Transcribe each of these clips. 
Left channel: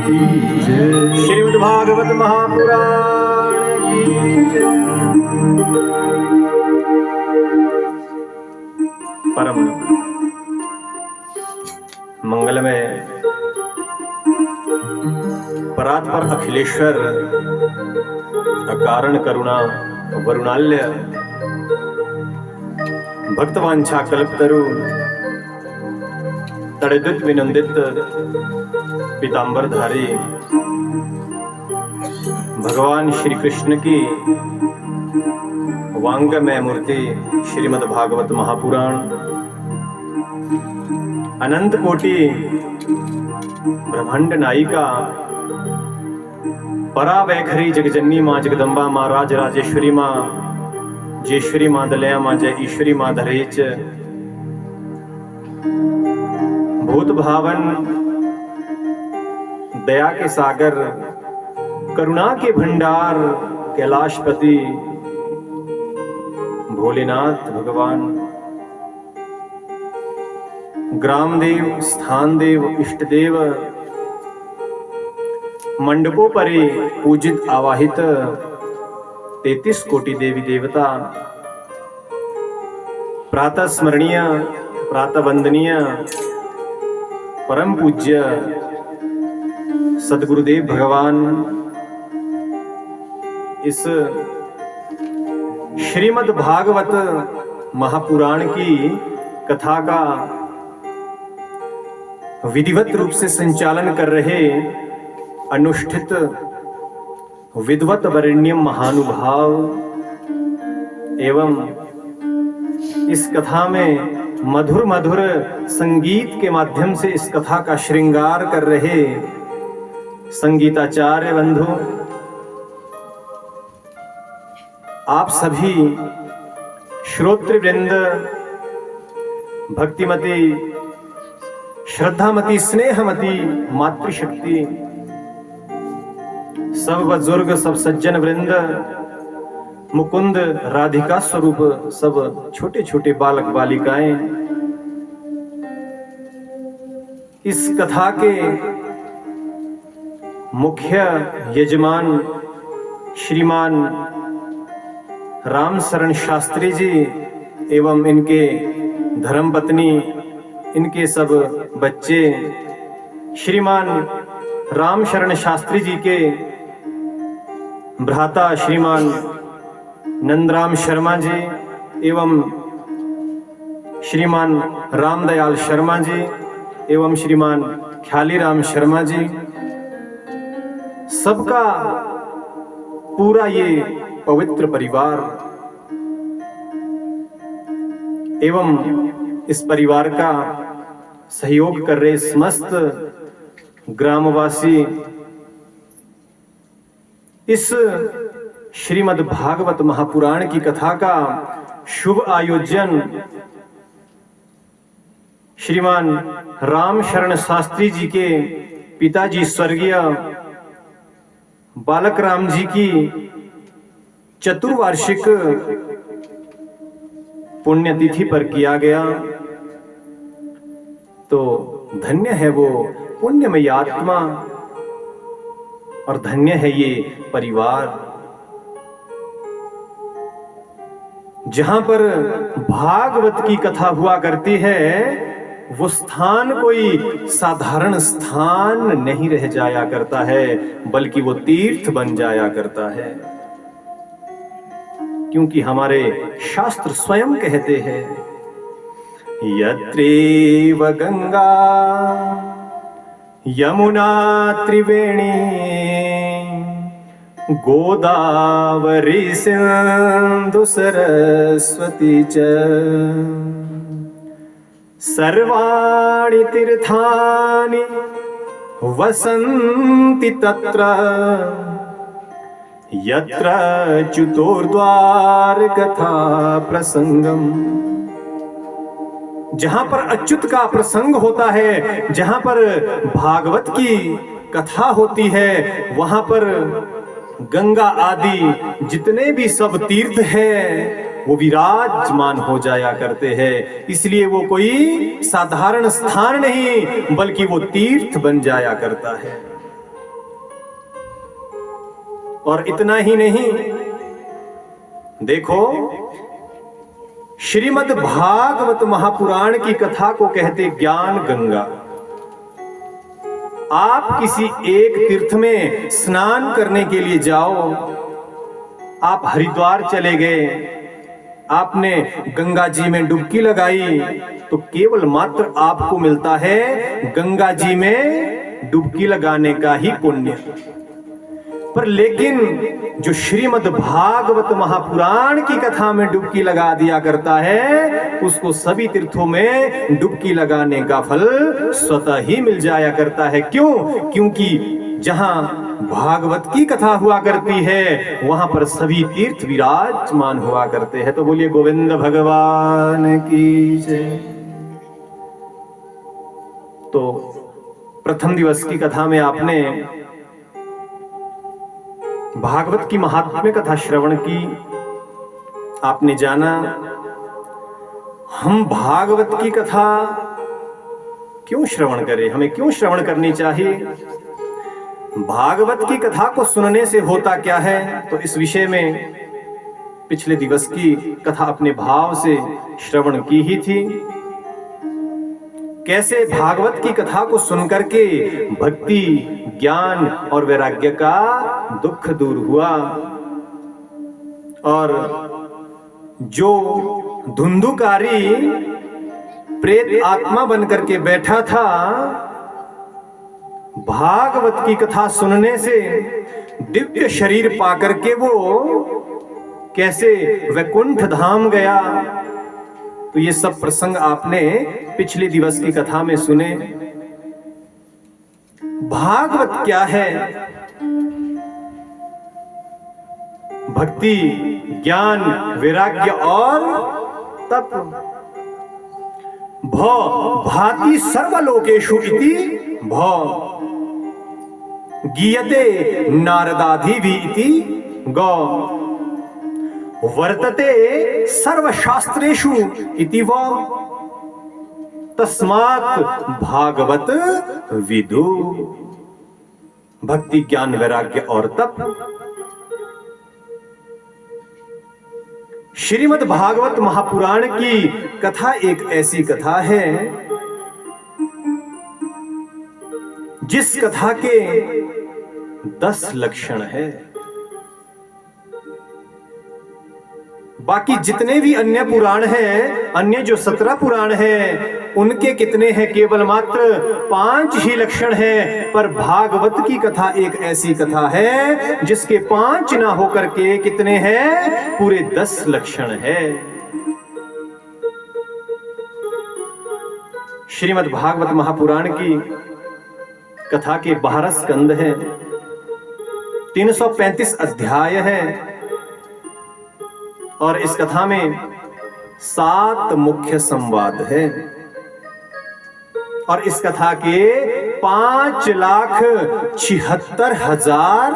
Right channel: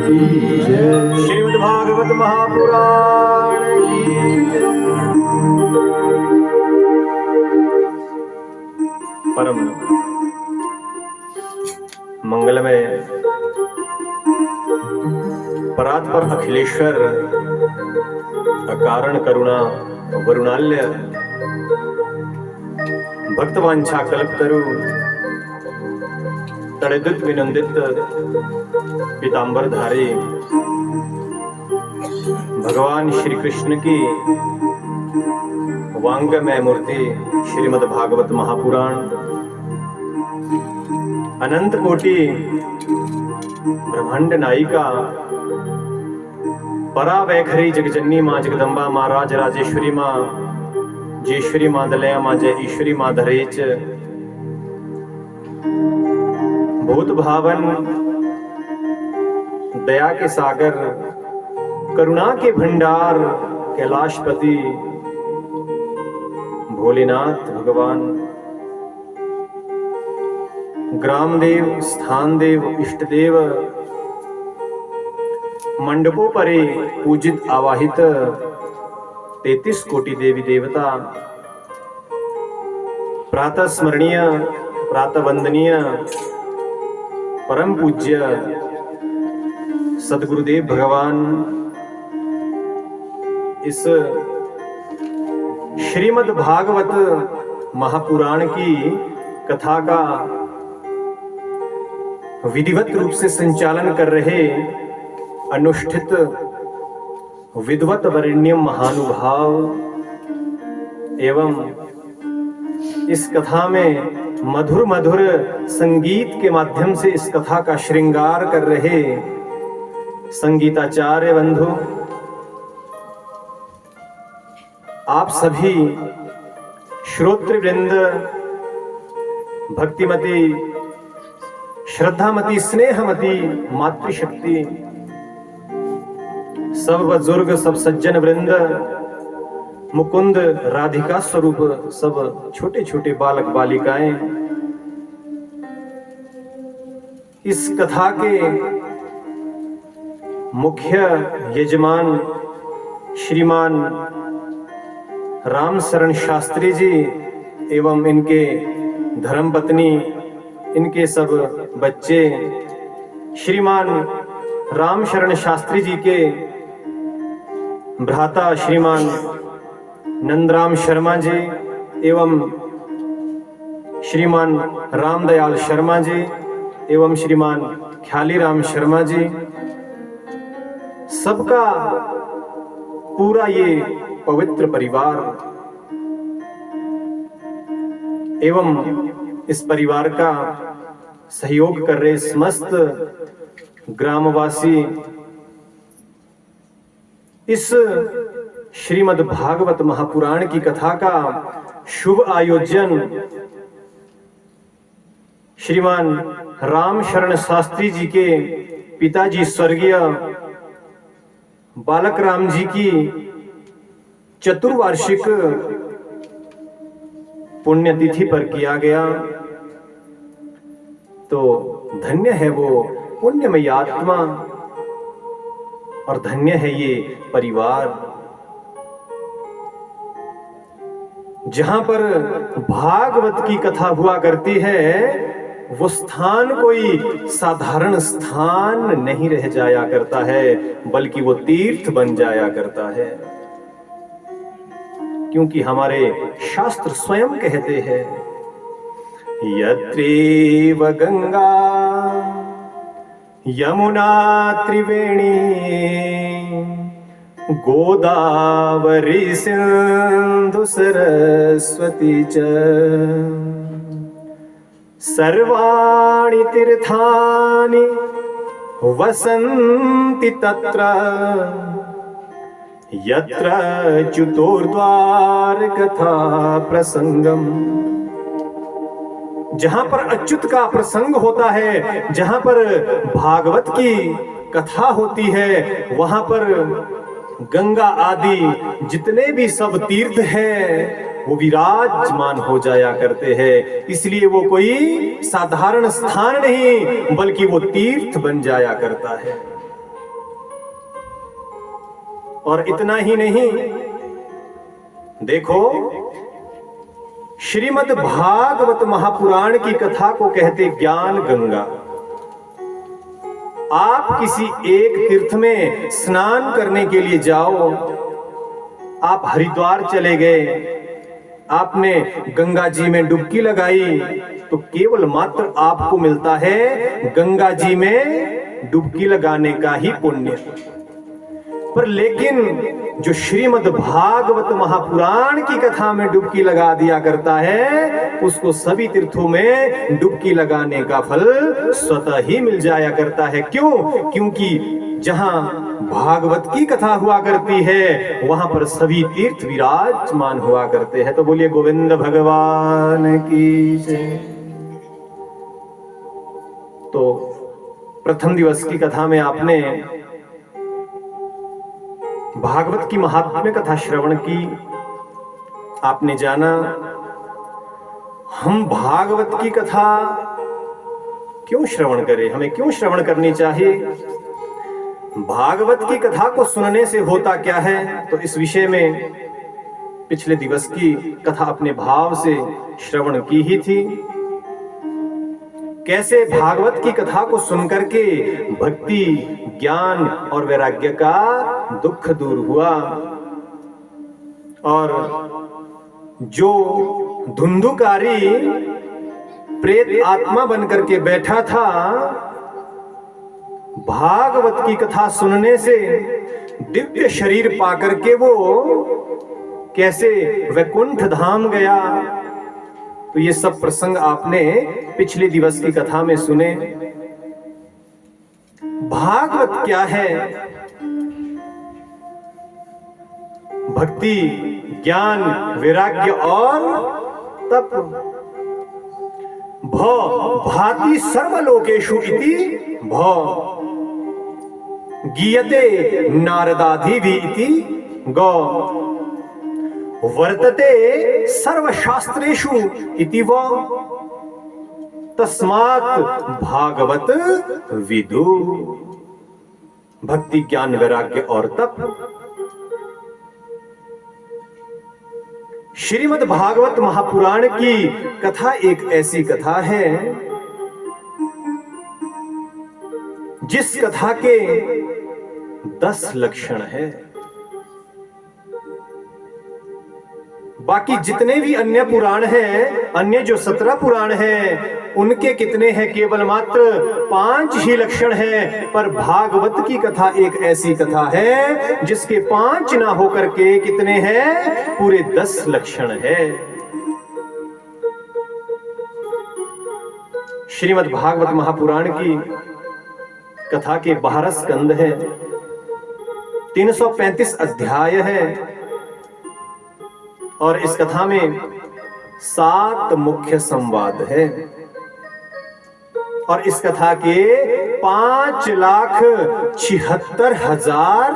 श्रीमद्भागवत महापुराण की जय। परम मंगलमय परात्पर अखिलेश्वर अकारण करुणा वरुणाल्य भक्तवांछा कल्पतरु तड़ित विनंदित पीतांबरधारी भगवान श्री कृष्ण की वांगमय मूर्ति श्रीमद् भागवत महापुराण अनंत कोटि ब्रह्मांड नायिका परा वैखरी जगजननी माँ जगदम्बा माँ राज राजेश्वरी माँ जयेश्वरी माँ दलया माँ जय ईश्वरी माँ धरेच भूत भावन दया के सागर करुणा के भंडार कैलाशपति भोलेनाथ भगवान ग्रामदेव स्थानदेव इष्टदेव मंडपों परे पूजित आवाहित 33 कोटि देवी देवता प्रातः स्मरणीय प्रातः वंदनीय परम पूज्य सदगुरुदेव भगवान इस श्रीमद् भागवत महापुराण की कथा का विधिवत रूप से संचालन कर रहे अनुष्ठित विद्वत वरेण्यम महानुभाव एवं इस कथा में मधुर मधुर संगीत के माध्यम से इस कथा का श्रृंगार कर रहे संगीताचार्य बंधु, आप सभी श्रोतृवृंद, भक्तिमती श्रद्धामती स्नेहमती मातृशक्ति, सब बुजुर्ग सब सज्जन वृंद, मुकुंद राधिका स्वरूप सब छोटे छोटे बालक बालिकाएं, इस कथा के मुख्य यजमान श्रीमान राम शरण शास्त्री जी एवं इनके धर्मपत्नी, इनके सब बच्चे, श्रीमान राम शरण शास्त्री जी के भ्राता श्रीमान नंदराम शर्मा जी एवं श्रीमान रामदयाल शर्मा जी एवं श्रीमान ख्यालीराम शर्मा जी, सबका पूरा ये पवित्र परिवार एवं इस परिवार का सहयोग कर रहे समस्त ग्रामवासी इस श्रीमद् भागवत महापुराण की कथा का शुभ आयोजन श्रीमान राम शरण शास्त्री जी के पिताजी स्वर्गीय बालक राम जी की चतुर्वार्षिक पुण्यतिथि पर किया गया। तो धन्य है वो पुण्यमयी आत्मा और धन्य है ये परिवार, जहां पर भागवत की कथा हुआ करती है वो स्थान कोई साधारण स्थान नहीं रह जाया करता है, बल्कि वो तीर्थ बन जाया करता है, क्योंकि हमारे शास्त्र स्वयं कहते हैं यत्रेव गंगा यमुना त्रिवेणी गोदावरी सिंधु सरस्वती च सर्वाणि तीर्थानि वसन्ति तत्र यत्र च्युतोर्द्वार कथा प्रसंगम। जहां पर अच्युत का प्रसंग होता है, जहां पर भागवत की कथा होती है, वहां पर गंगा आदि जितने भी सब तीर्थ है वो विराजमान हो जाया करते हैं। इसलिए वो कोई साधारण स्थान नहीं बल्कि वो तीर्थ बन जाया करता है। और इतना ही नहीं, देखो श्रीमद् भागवत महापुराण की कथा को कहते ज्ञान गंगा। आप किसी एक तीर्थ में स्नान करने के लिए जाओ, आप हरिद्वार चले गए, आपने गंगा जी में डुबकी लगाई, तो केवल मात्र आपको मिलता है गंगा जी में डुबकी लगाने का ही पुण्य। पर लेकिन जो श्रीमद् भागवत महापुराण की कथा में डुबकी लगा दिया करता है, उसको सभी तीर्थों में डुबकी लगाने का फल स्वतः ही मिल जाया करता है। क्यों? क्योंकि जहां भागवत की कथा हुआ करती है वहां पर सभी तीर्थ विराजमान हुआ करते हैं। तो बोलिए गोविंद भगवान की जय। तो प्रथम दिवस की कथा में आपने भागवत की महात्म्य कथा श्रवण की, आपने जाना हम भागवत की कथा क्यों श्रवण करें, हमें क्यों श्रवण करनी चाहिए, भागवत की कथा को सुनने से होता क्या है। तो इस विषय में पिछले दिवस की कथा अपने भाव से श्रवण की ही थी। कैसे भागवत की कथा को सुनकर के भक्ति, ज्ञान और वैराग्य का दुख दूर हुआ, और जो धुंधुकारी प्रेत आत्मा बनकर के बैठा था, भागवत की कथा सुनने से दिव्य शरीर पाकर के वो कैसे वैकुंठ धाम गया। तो ये सब प्रसंग आपने पिछले दिवस की कथा में सुने। भागवत क्या है? भक्ति, ज्ञान, वैराग्य और तप। भाति सर्वलोकेषु इति भव गीयते नारदाधिवि इति गौ वर्तते सर्वशास्त्रेषु इति व तस्मात् भागवत विदु। भक्ति, ज्ञान, वैराग्य और तप। श्रीमद् भागवत महापुराण की कथा एक ऐसी कथा है जिस कथा के 10 लक्षण है। बाकी जितने भी अन्य पुराण हैं, अन्य जो 17 पुराण हैं, उनके कितने हैं? केवल मात्र 5 ही लक्षण हैं। पर भागवत की कथा एक ऐसी कथा है जिसके 5 ना होकर के कितने हैं? पूरे 10 लक्षण है। श्रीमद् भागवत महापुराण की कथा के 12 स्कंद हैं, 335 अध्याय हैं, और इस कथा में 7 मुख्य संवाद है, और इस कथा के 5,76,000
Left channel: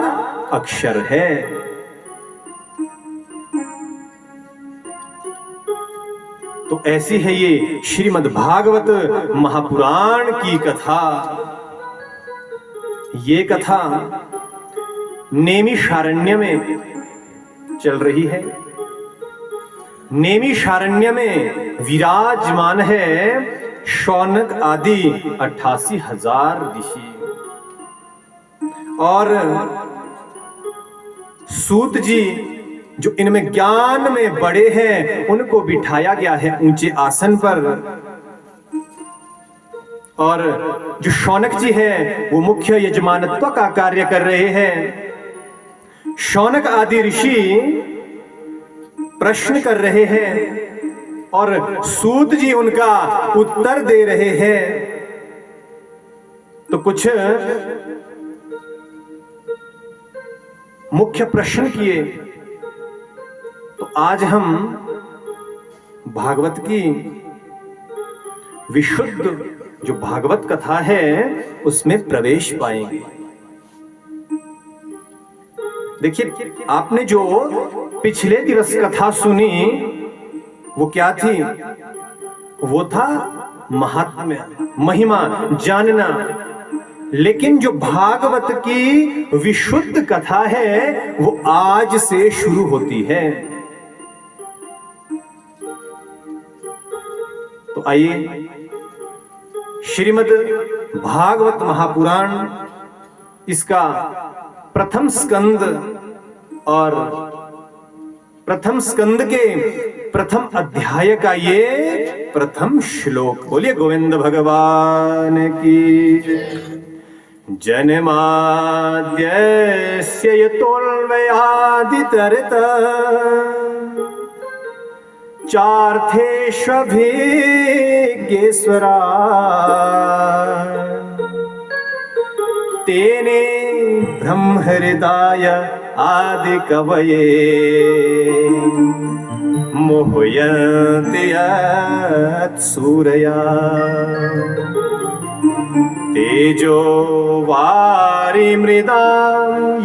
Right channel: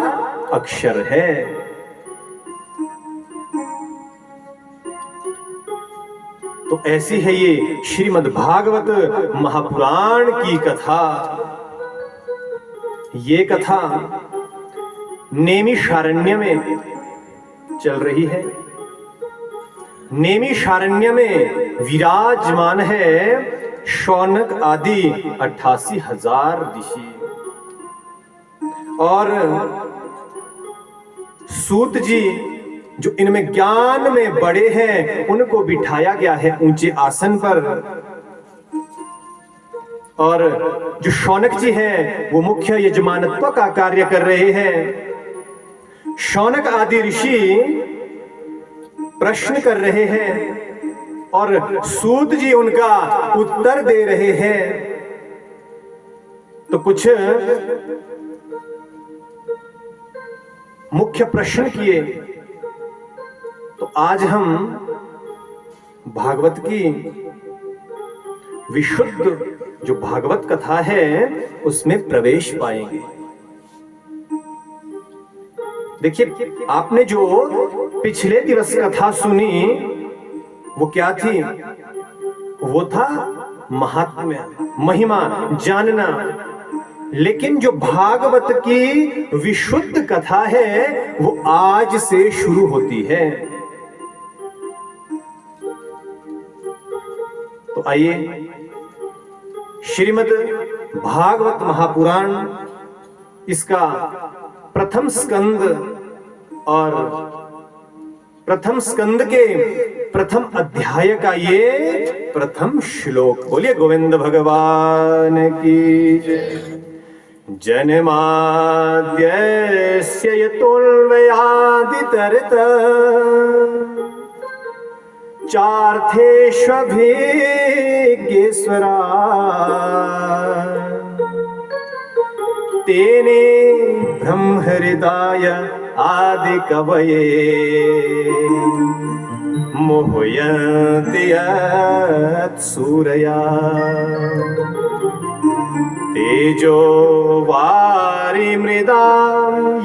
अक्षर है। तो ऐसी है ये श्रीमद् भागवत महापुराण की कथा। ये कथा नैमिषारण्य में चल रही है। नैमिषारण्य में विराजमान है शौनक आदि 88,000 ऋषि, और सूत जी जो इनमें ज्ञान में बड़े हैं उनको बिठाया गया है ऊंचे आसन पर, और जो शौनक जी हैं वो मुख्य यजमानत्व का कार्य कर रहे हैं। शौनक आदि ऋषि प्रश्न कर रहे हैं और सूत जी उनका उत्तर दे रहे हैं। तो कुछ मुख्य प्रश्न किए। तो आज हम भागवत की विशुद्ध जो भागवत कथा है उसमें प्रवेश पाएंगे। देखिए, आपने जो पिछले दिवस कथा सुनी वो क्या थी? वो था महात्म्य, महिमा जानना। लेकिन जो भागवत की विशुद्ध कथा है वो आज से शुरू होती है। तो आइए श्रीमद् भागवत महापुराण इसका प्रथम स्कंद और प्रथम स्कंद के प्रथम अध्याय का ये प्रथम श्लोक, बोलिए गोविंद भगवान की। जन्माद्यस्य यतोऽन्वयादितरत चार्थेष्वभिज्ञेश्वरा तेने ब्रह्महृदाय आदिकवये मोहयन्ति यत्सूरया तेजो वारिमृदां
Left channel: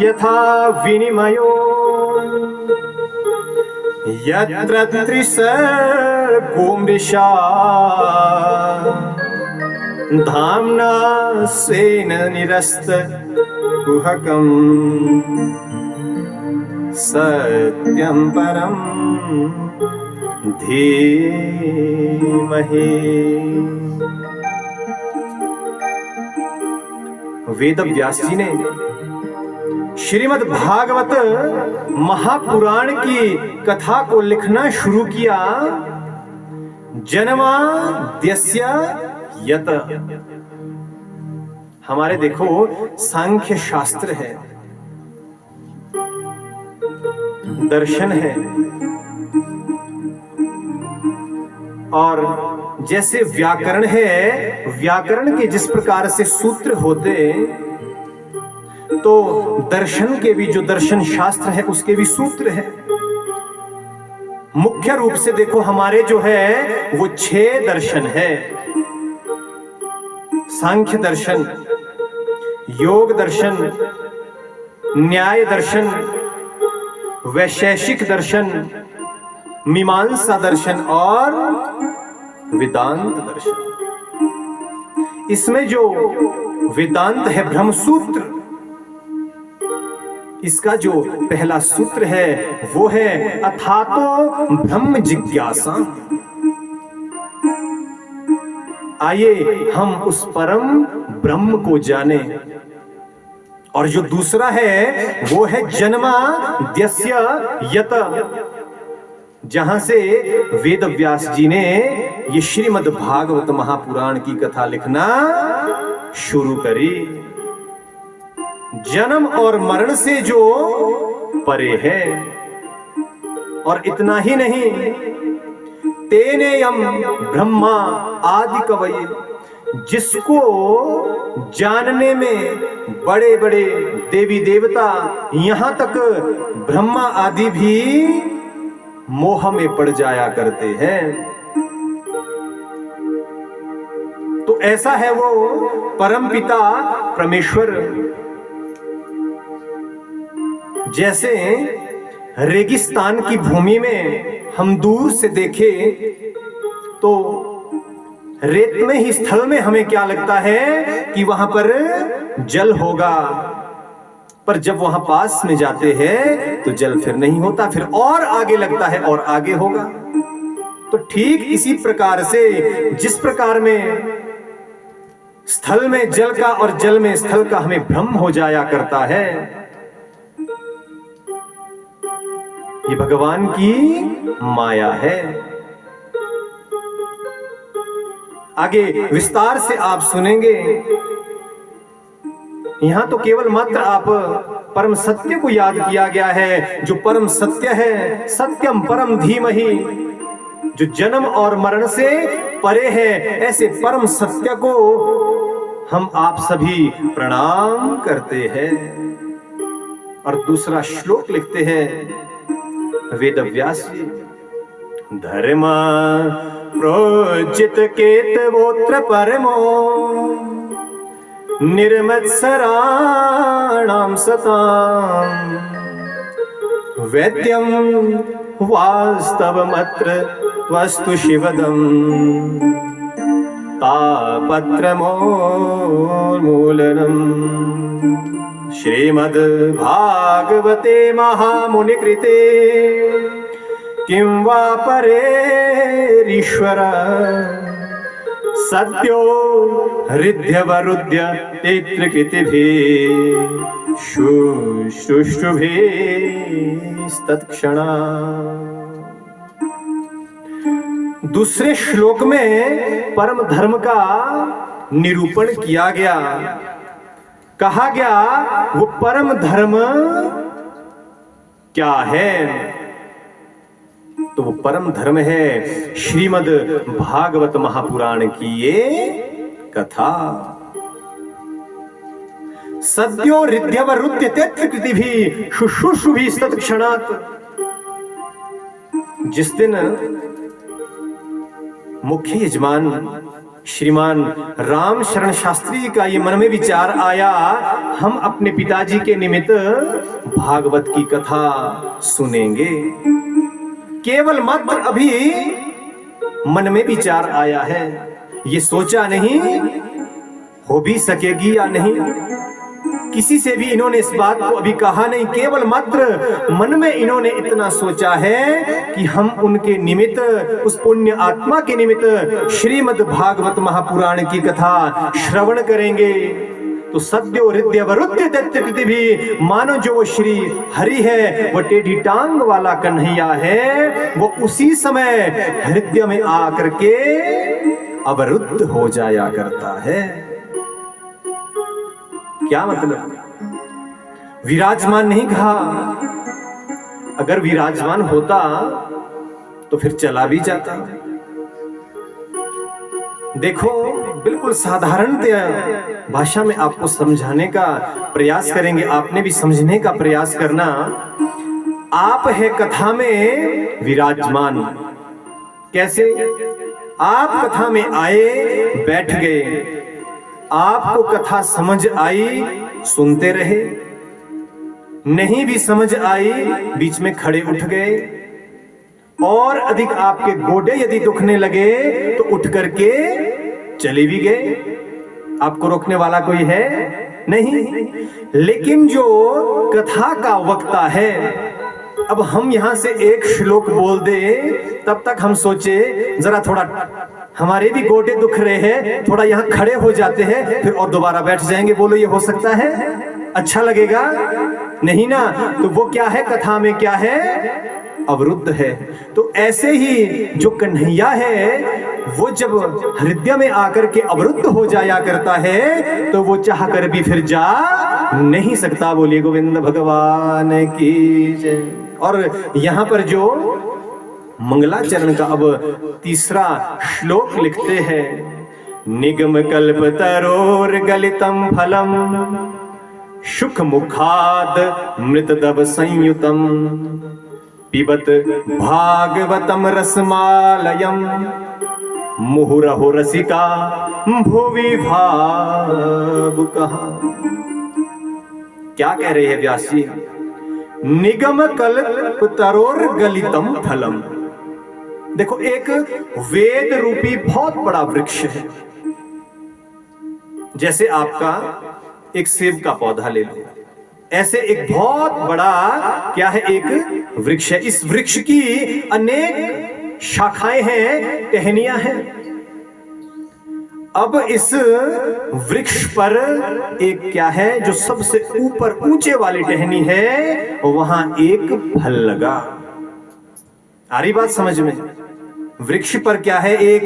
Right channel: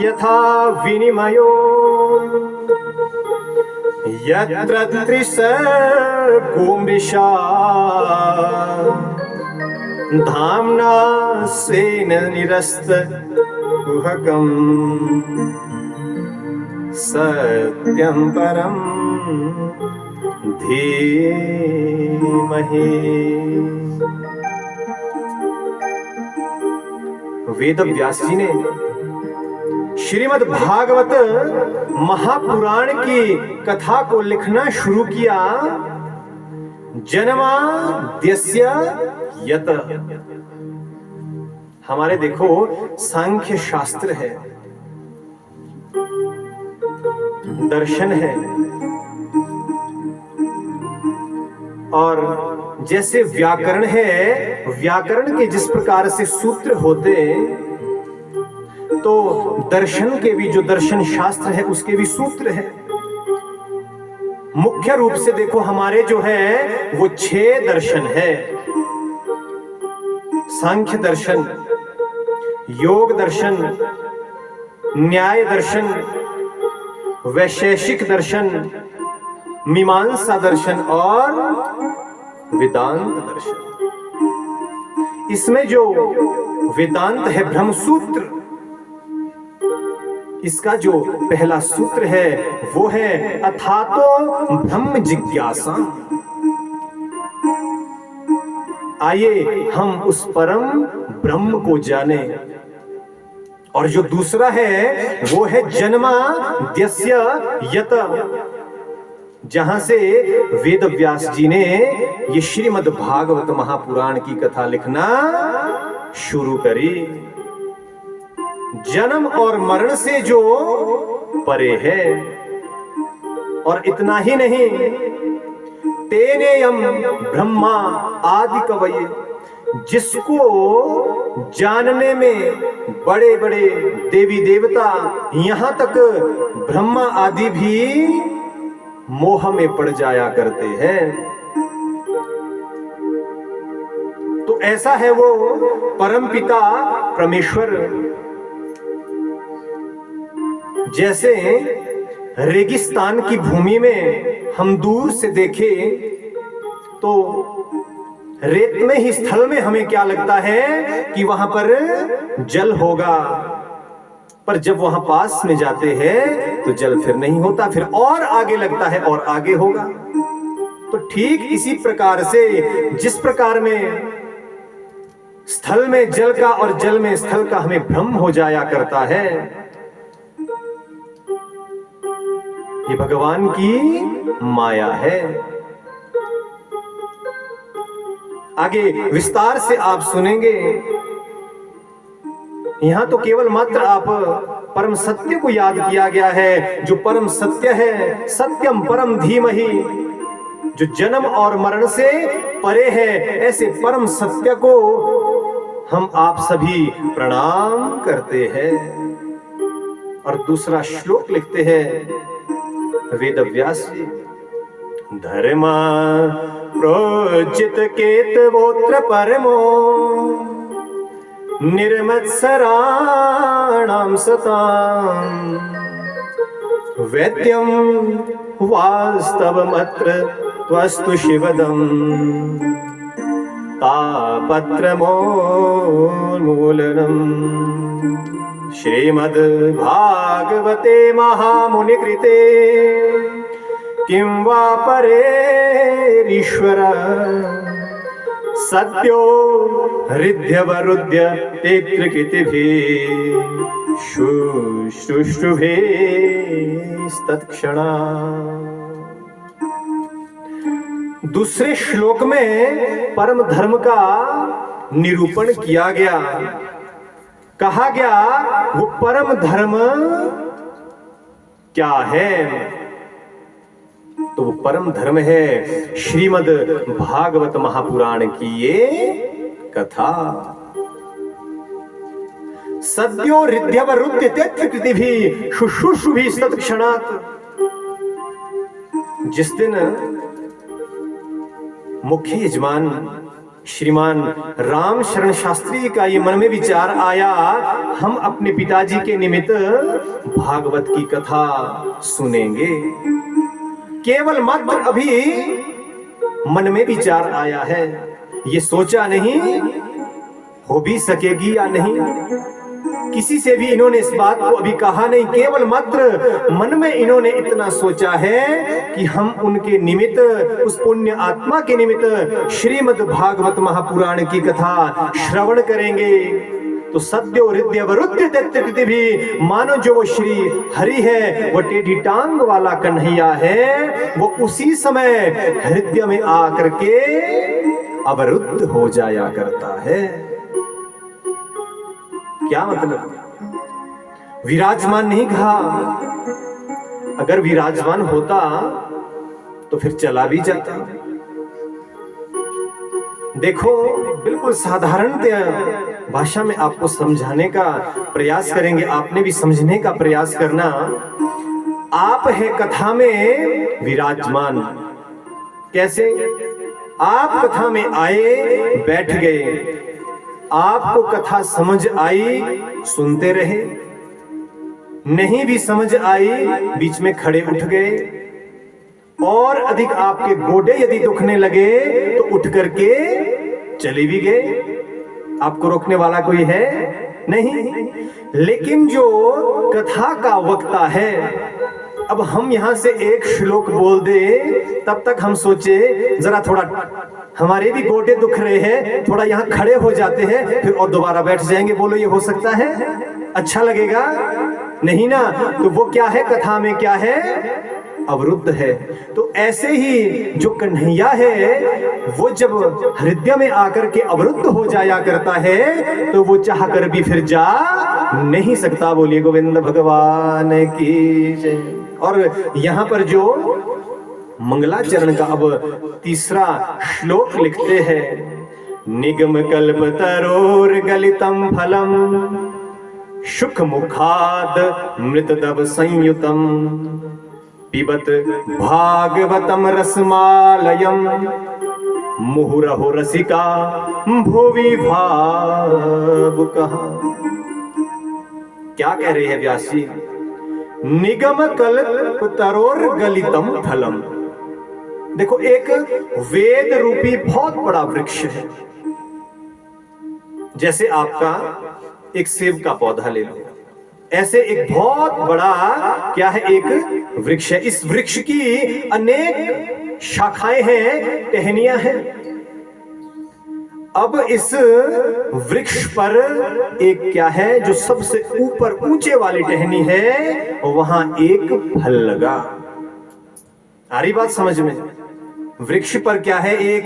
यथा विनिमयो यत्र त्रिसर्गो मृषा धाम्ना स्वेन निरस्तकुहकम् सत्यं परं धीमहि। वेद व्यास जी ने श्रीमद् भागवत महापुराण की कथा को लिखना शुरू किया। जन्माद्यस्य यत, हमारे देखो सांख्य शास्त्र है, दर्शन है, और जैसे व्याकरण है, व्याकरण के जिस प्रकार से सूत्र होते तो दर्शन के भी, जो दर्शन शास्त्र है उसके भी सूत्र है। मुख्य रूप से देखो हमारे जो है वो 6 दर्शन है। सांख्य दर्शन, योग दर्शन, न्याय दर्शन, वैशेषिक दर्शन, मीमांसा दर्शन और वेदांत दर्शन। इसमें जो वेदांत है ब्रह्मसूत्र, इसका जो पहला सूत्र है वो है अथातो ब्रह्म जिज्ञासा। आइए हम उस परम ब्रह्म को जाने। और जो दूसरा है वो है जन्माद्यस्य यत, जहां से वेद व्यास जी ने ये श्रीमद् भागवत महापुराण की कथा लिखना शुरू करी। जन्म और मरण से जो परे है। और इतना ही नहीं, तेनेयम ब्रह्मा आदि कवये, जिसको जानने में बड़े बड़े देवी देवता, यहां तक ब्रह्मा आदि भी मोह में पड़ जाया करते हैं। तो ऐसा है वो परमपिता परमेश्वर। जैसे रेगिस्तान की भूमि में हम दूर से देखें तो रेत में ही, स्थल में हमें क्या लगता है कि वहां पर जल होगा, पर जब वहां पास में जाते हैं तो जल फिर नहीं होता, फिर और आगे लगता है और आगे होगा। तो ठीक इसी प्रकार से जिस प्रकार में स्थल में जल का और जल में स्थल का हमें भ्रम हो जाया करता है, ये भगवान की माया है। आगे विस्तार से आप सुनेंगे। यहां तो केवल मात्र आप परम सत्य को याद किया गया है, जो परम सत्य है, सत्यम परम धीमहि, जो जन्म और मरण से परे है। ऐसे परम सत्य को हम आप सभी प्रणाम करते हैं। और दूसरा श्लोक लिखते हैं वेद व्यास जी, धर्म प्रोजित केतवोत्र परमो निर्मत्सराणां सताम् वैद्यं वास्तवमत्र त्वस्तु शिवदम् ताप तालपत्रमूलनम् श्रीमद् भागवते महामुनिकृते किं वा परेरीश्वर सद्यो हृद्यवरुध्य तेत्रकृतिभिः शुश्रूषुभिस्तत्क्षणा। दूसरे श्लोक में परम धर्म का निरूपण किया गया। कहा गया वो परम धर्म क्या है? तो वो परम धर्म है श्रीमद् भागवत महापुराण की ये कथा। सद्यो हृद्यवरुध्य तेत्रकृतिभिः शुश्रूषुभिस्तत्क्षणात्। जिस दिन मुख्य यजमान श्रीमान राम शरण शास्त्री का ये मन में विचार आया, हम अपने पिताजी के निमित्त भागवत की कथा सुनेंगे। केवल मात्र अभी मन में विचार आया है, ये सोचा नहीं हो भी सकेगी या नहीं। किसी से भी इन्होंने इस बात को अभी कहा नहीं, केवल मात्र मन में इन्होंने इतना सोचा है कि हम उनके निमित्त, उस पुण्य आत्मा के निमित्त श्रीमद् भागवत महापुराण की कथा श्रवण करेंगे। तो सद्यो हृदयवरुध्य तेत्रकृतिभिः, मानो जो वो श्री हरि है, वो टेढ़ी टांग वाला कन्हैया है, वो उसी समय हृदय में आकर के अवरुद्ध हो जाया करता है। क्या मतलब? विराजमान नहीं कहा, अगर विराजमान होता तो फिर चला भी जाता। देखो, बिल्कुल साधारण भाषा में आपको समझाने का प्रयास करेंगे, आपने भी समझने का प्रयास करना। आप है कथा में विराजमान। कैसे? आप कथा में आए, बैठ गए, आपको कथा समझ आई, सुनते रहे, नहीं भी समझ आई, बीच में खड़े उठ गए, और अधिक आपके गोडे यदि दुखने लगे तो उठ करके चले भी गए। आपको रोकने वाला कोई है नहीं। लेकिन जो कथा का वक्ता है, अब हम यहां से एक श्लोक बोल दे, तब तक हम सोचे जरा थोड़ा हमारे भी गोडे दुख रहे हैं, थोड़ा यहाँ खड़े हो जाते हैं, फिर और दोबारा बैठ जाएंगे। बोलो, ये हो सकता है? अच्छा लगेगा? नहीं ना। तो वो क्या है? कथा में क्या है? अवरुद्ध है। तो ऐसे ही जो कन्हैया है, वो जब हृदय में आकर के अवरुद्ध हो जाया करता है, तो वो चाह कर भी फिर जा नहीं सकता। बोलिए गोविंद भगवान की जय। और यहाँ पर जो मंगलाचरण का अब तीसरा श्लोक लिखते हैं, निगम कल्प तरोर गलितम फलम शुक मुखाद मृतदव संयुतम पिबत भागवतम रसमालयम मुहुरहु रसिका भुवि भावुकः। क्या कह रहे हैं व्यास जी? निगम कल्प तरोर गलितम फलम। देखो, एक वेद रूपी बहुत बड़ा वृक्ष है। जैसे आपका एक सेब का पौधा ले लो, ऐसे एक बहुत बड़ा क्या है? एक वृक्ष है। इस वृक्ष की अनेक शाखाएं हैं, टहनियां हैं। अब इस वृक्ष पर एक क्या है, जो सबसे ऊपर ऊंचे वाली टहनी है, वहां एक फल लगा। आ रही बात समझ में? वृक्ष पर क्या है? एक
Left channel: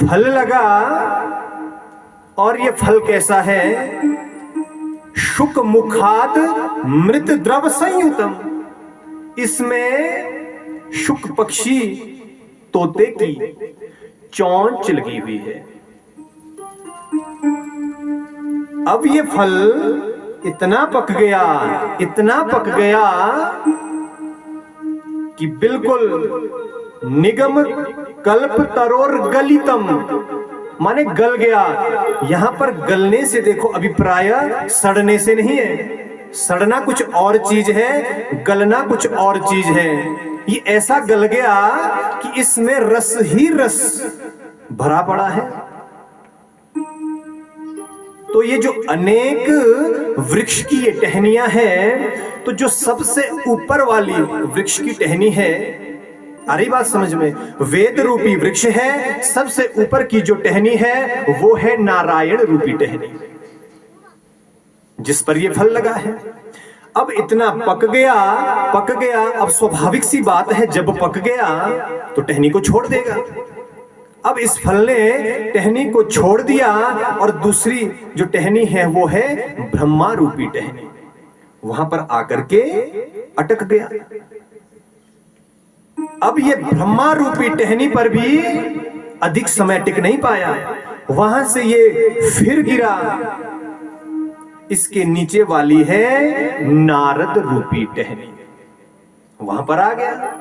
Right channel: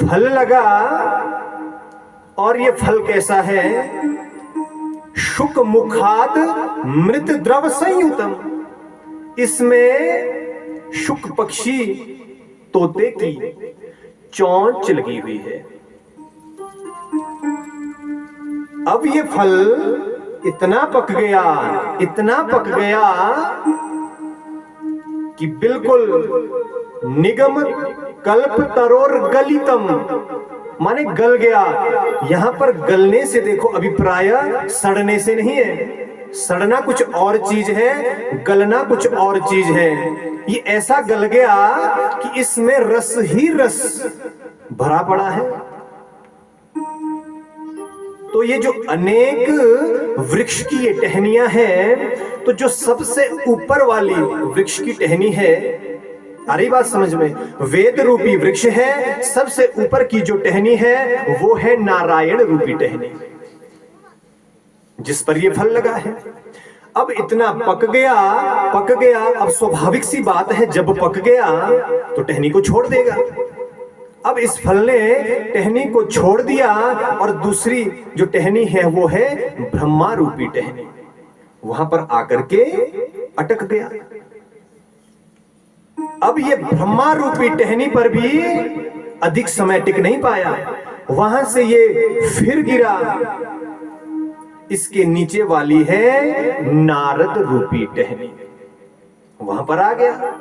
फल लगा। और ये फल कैसा है? शुक मुखाद मृत द्रव संयुतम। इसमें शुक पक्षी, तोते की चोंच लगी हुई है। अब ये फल इतना पक गया, इतना पक गया कि बिल्कुल निगम कल्प तरोर गलितम, माने गल गया। यहां पर गलने से देखो अभिप्राय सड़ने से नहीं है। सड़ना कुछ और चीज है, गलना कुछ और चीज है। ये ऐसा गल गया कि इसमें रस ही रस भरा पड़ा है। तो ये जो अनेक वृक्ष की ये टहनियां हैं, तो जो सबसे ऊपर वाली वृक्ष की टहनी है, आ रही बात समझ में, वेद रूपी वृक्ष है, सबसे ऊपर की जो टहनी है वो है नारायण रूपी टहनी, जिस पर ये फल लगा है। अब इतना पक गया, अब स्वाभाविक सी बात है, जब पक गया तो टहनी को छोड़ देगा। अब इस फल ने टहनी को छोड़ दिया और दूसरी जो टहनी है वो है ब्रह्मा रूपी टहनी, वहां पर आकर के अटक गया। अब ये ब्रह्मा रूपी टहनी पर भी अधिक समय टिक नहीं पाया, वहां से ये फिर गिरा। इसके नीचे वाली है नारद रूपी टहनी, वहां पर आ गया।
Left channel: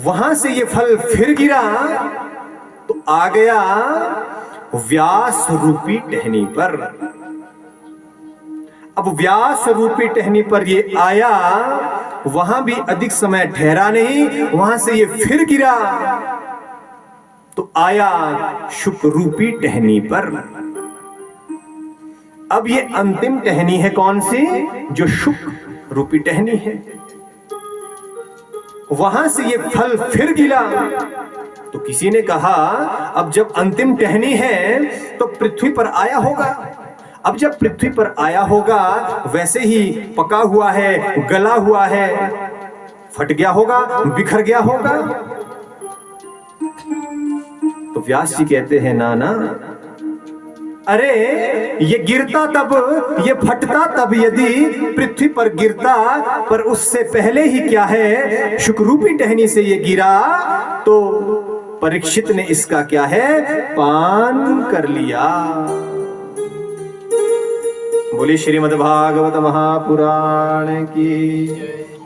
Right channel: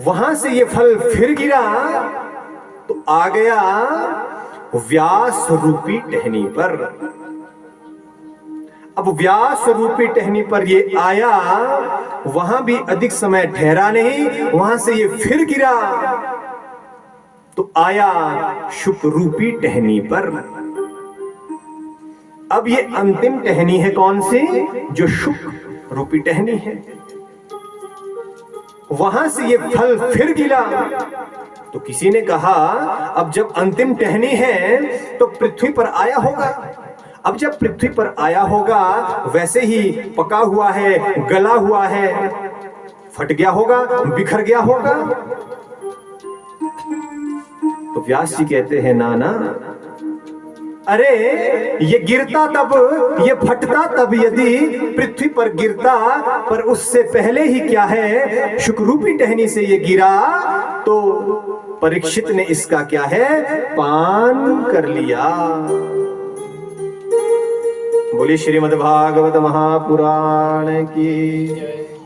वहां से ये फल फिर गिरा तो आ गया व्यास रूपी टहनी पर। अब व्यास रूपी टहनी पर ये आया, वहां भी अधिक समय ठहरा नहीं, वहां से ये फिर गिरा तो आया शुक रूपी टहनी पर। अब ये अंतिम टहनी है कौन सी? जो शुक रूपी टहनी है। वहां से ये फल फिर गिरा तो किसी ने कहा अब जब अंतिम टहनी है तो पृथ्वी पर आया होगा। अब जब पृथ्वी पर आया होगा, वैसे ही पका हुआ है, गला हुआ है, फट गया होगा, बिखर गया होगा। तो व्यास जी कहते हैं ना ना, अरे ये गिरता तब, ये फटता तब यदि पृथ्वी पर गिरता, पर उससे पहले ही क्या है, शुकरूपी टहनी से ये गिरा तो परीक्षित ने इसका क्या है, पान कर लिया। बोली श्रीमद् भागवत महापुराण की,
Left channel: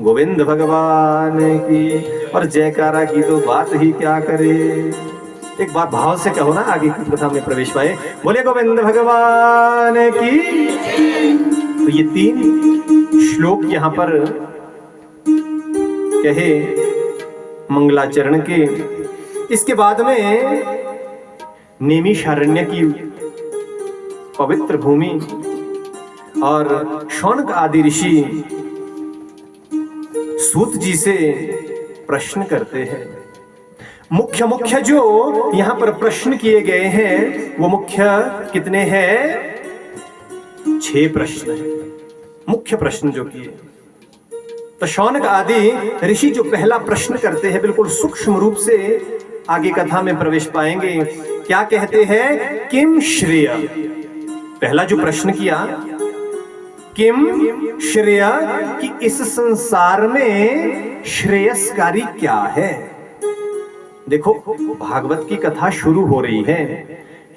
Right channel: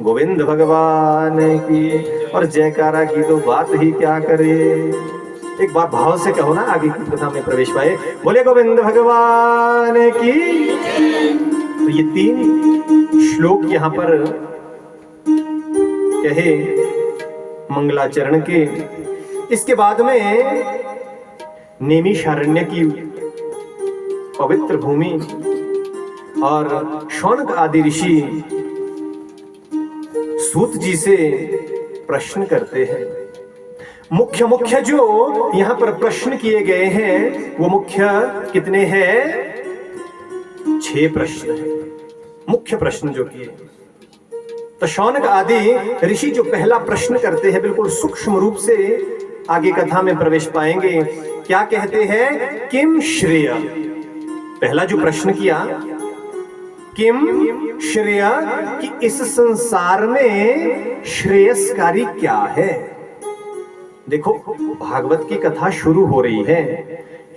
गोविंद भगवान की। और जयकारा की तो बात ही क्या करे। एक बार भाव से कहो ना, आगे की कथा में प्रवेश पाए। बोले गोविंद भगवान की। तो ये 3 श्लोक यहां पर कहे मंगलाचरण के। इसके बाद में नैमिषारण्य की पवित्र भूमि और शौनक आदि ऋषि सूत जी से प्रश्न करते हैं। मुख्य जो यहां पर प्रश्न किए गए हैं वो मुख्य कितने हैं? 6 प्रश्न हैं मुख्य प्रश्न जो किए। तो शौनक आदि ऋषि जो पहला प्रश्न करते हैं, बिल्कुल सूक्ष्म रूप से आगे कथा में प्रवेश पाएंगे। क्या कहते हैं? किम श्रेय। पहला जो प्रश्न किया, किम श्रेय, कि इस संसार में श्रेयस्कारी क्या है। देखो भागवत की कथा शुरू हो रही है,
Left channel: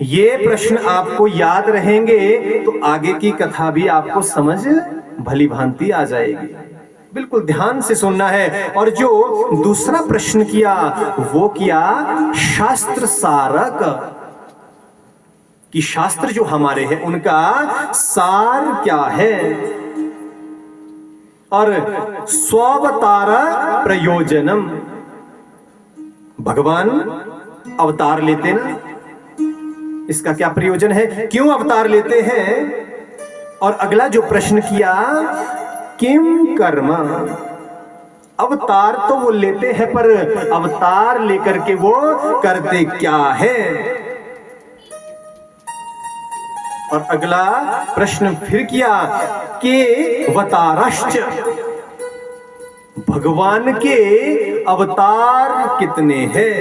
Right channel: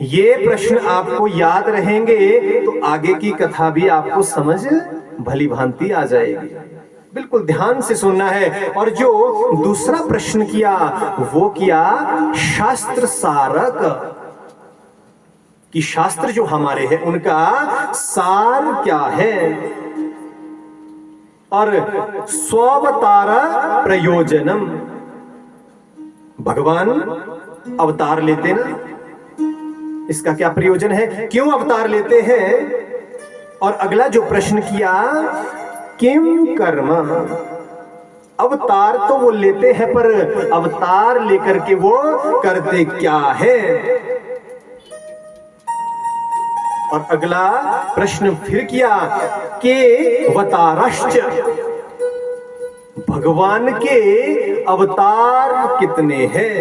ये प्रश्न आपको याद रहेंगे तो आगे की कथा भी आपको समझ भली भांति आ जाएगी। बिल्कुल ध्यान से सुनना है। और जो दूसरा प्रश्न किया वो किया शास्त्र सारक, कि शास्त्र जो हमारे हैं उनका सार क्या है। और स्वावतार प्रयोजनम, भगवान अवतार लेते ना, इसका क्या प्रयोजन है, क्यों अवतार लेते हैं। और अगला जो प्रश्न किया, किम कर्म। अवतार तो वो लेते हैं, पर अवतार लेकर के वो करते क्या है। और अगला प्रश्न फिर किया कि अवतारश्च, भगवान के अवतार कितने हैं।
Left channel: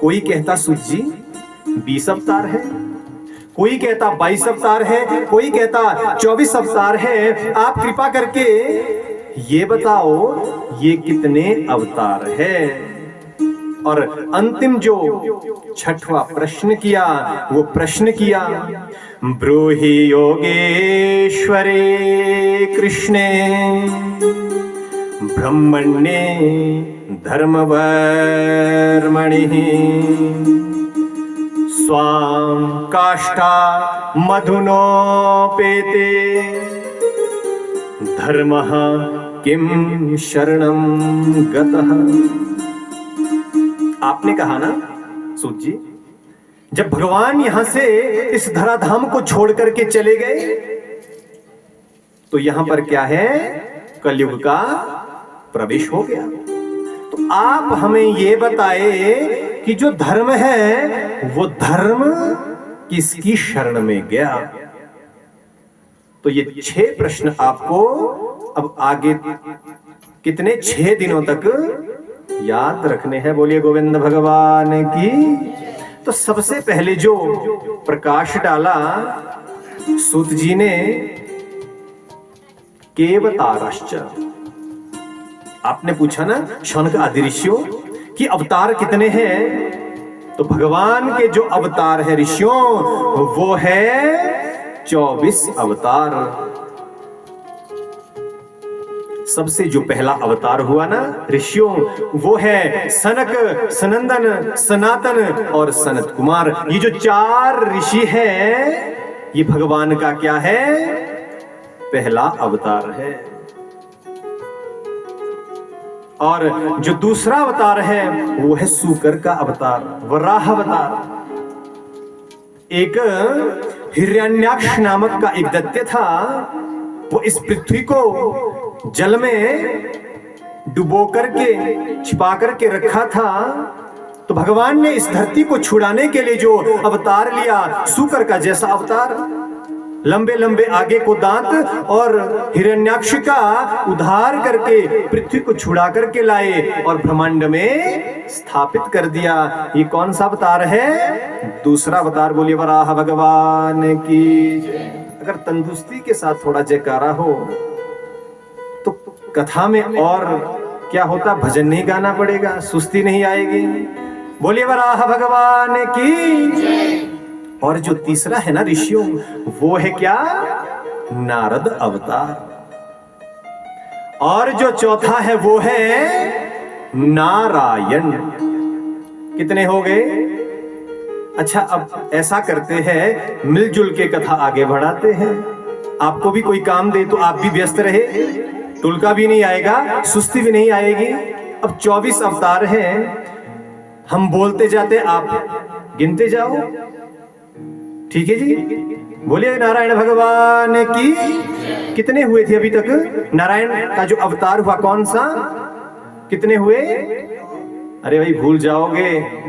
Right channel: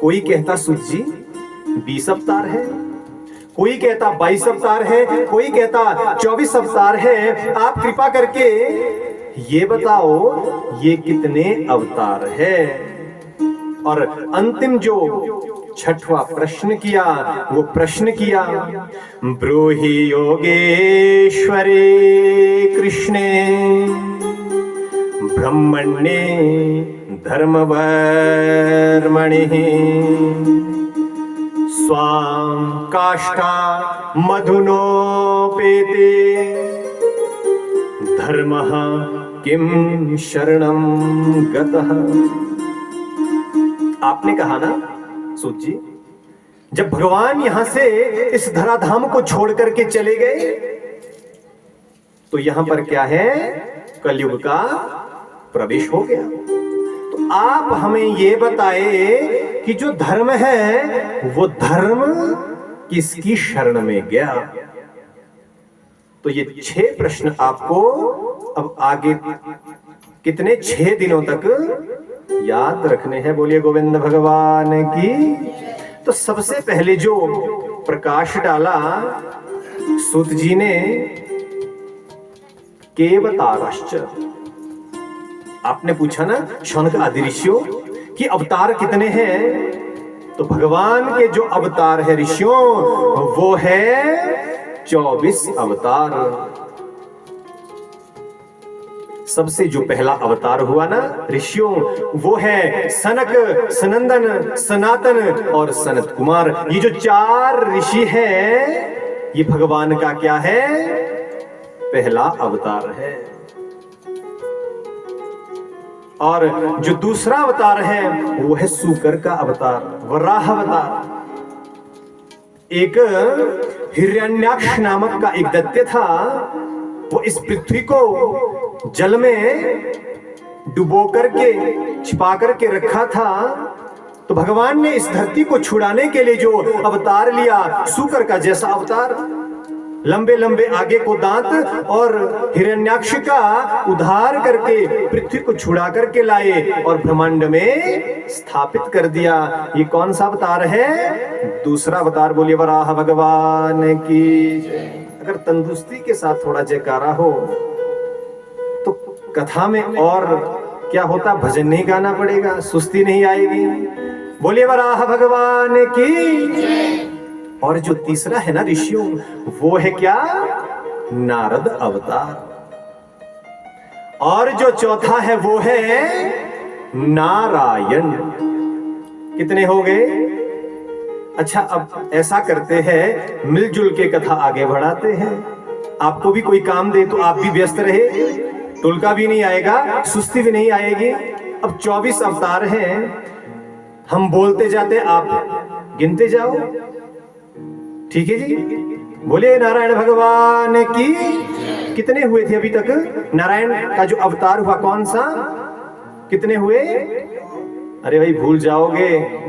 कोई कहता सूत जी 20 अवतार है, कोई कहता 22 अवतार है, कोई कहता 24 अवतार है। आप कृपा करके ये बताओ ये कितने अवतार है। और अंतिम जो 6वां प्रश्न किया वो प्रश्न किया, ब्रूहि योगेश्वरे कृष्णे ब्रह्मण्ये धर्मवर्मणि स्वां काष्ठा मधुनोपेते धर्मः किम शरणं गतः। आपने कहा ना सूत जी, जब भगवान यहां से इस धराधाम को छोड़ करके चले गए तो यहां पर क्या है, कलयुग का प्रवेश हो गया। तो आप हमें ये बताए कि जो धर्म है वो धर्म किसकी शरण में गया। तो ये 6 प्रश्न आपको अब आगे कितने 6 दिनों तक याद रखने हैं। बोलिए गोविंद भगवान की। तो सबसे पहले जो प्रकाश डाला सूत जी ने, केवतारश्च। आपने पूछा ना शौनक आदि ऋषियों कि अवतार कितने हैं, तो भगवान के जो अवतार है ऋषियों वो है 24 अवतार। सबसे जो पहला अवतार हुआ ना ऋषियों वो है सनक, सनंदन, सनातन और सनत कुमार। ये जो 4 ऋषि हैं ये भगवान का क्या है, पहला अवतार है। और जो दूसरा अवतार है वो है सूकर का अवतार, वराह अवतार। एक हिरण्याक्ष नामक का एक दैत्य था, वो इस पृथ्वी को जल में डुबो करके छिपा करके रखा था। तो भगवान ने इस धरती को छुड़ाने के लिए जो अवतार लिया, सूकर का जैसा अवतार, लंबे लंबे आगे को दांत और हिरण्याक्ष का उद्धार करके पृथ्वी को छुड़ा करके लाए और ब्रह्मांड में स्थापित कर दिया। ये कौन सा अवतार है, दूसरा अवतार। बोलिए वराह भगवान की। अगर तंदुरुस्ती के साथ थोड़ा जयकारा हो तो कथा में और क्या होता, भजन नहीं गाना पड़ेगा, सुस्ती नहीं आएगी। बोलिए वराह भगवान की। और जो तीसरा है ना ऋषियों वो है क्या, नारद अवतार। और जो चौथा है वो है नारायण। कितने हो गए? अच्छा अब ऐसा करते हैं, मिलजुल के कथा आगे बढ़ाते हैं। आपको भी कोई काम दे तो आप भी व्यस्त रहे, टुलका भी नहीं आएगा, सुस्ती भी नहीं आएगी। अब 24 अवतार हैं, हम बोलते जाते आप गिनते जाओ, ठीक है जी। बोलिए नारायण भगवान की। कितने हुए थे अभी तक? नारायण का जो अवतार हुआ कौन सा, कितने हुए? अरे भाई भूल जाओगे,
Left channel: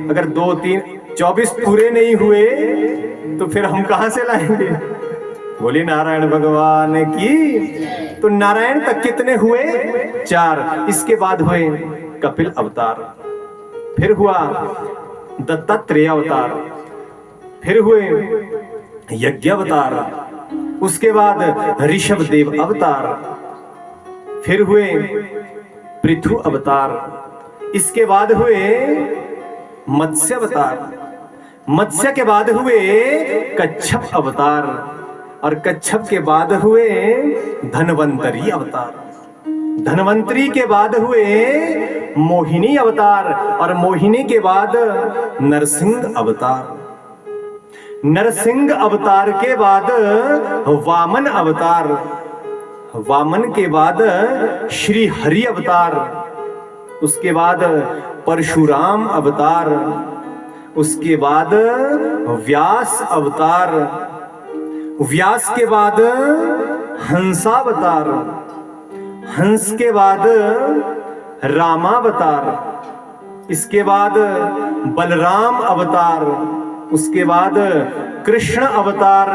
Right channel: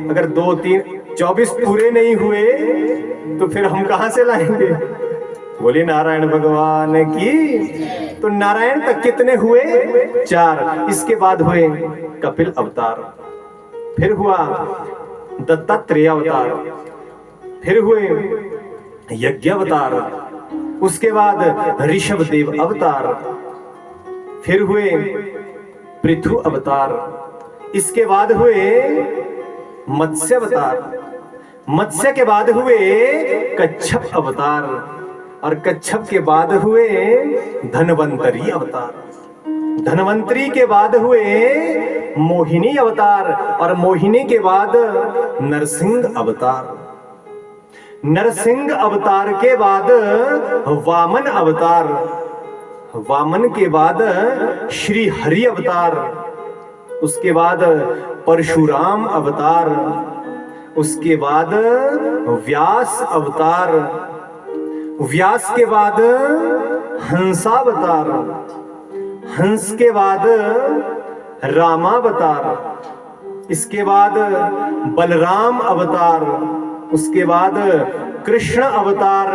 अगर 2, 3, 24 पूरे नहीं हुए तो फिर हम कहां से लाएंगे। बोलिए नारायण भगवान की। तो नारायण तक कितने हुए? 4। इसके बाद हुए कपिल अवतार, फिर हुआ दत्तात्रेय अवतार, फिर हुए यज्ञ अवतार, उसके बाद ऋषभ देव अवतार, फिर हुए पृथु अवतार, इसके बाद हुए मत्स्य अवतार, मत्स्य के बाद हुए कच्छप अवतार, और कच्छप के बाद हुए धन्वंतरी अवतार, धन्वंतरी के बाद हुए मोहिनी अवतार, और मोहिनी के बाद नरसिंह अवतार, नरसिंह अवतार के बाद वामन अवतार, वामन के बाद श्री हरि अवतार, उसके बाद परशुराम अवतार, उसके बाद व्यास अवतार, व्यास के बाद हंसावतार, हंस के बाद रामावतार, इसके बाद बलराम अवतार, उसके बाद कृष्ण अवतार,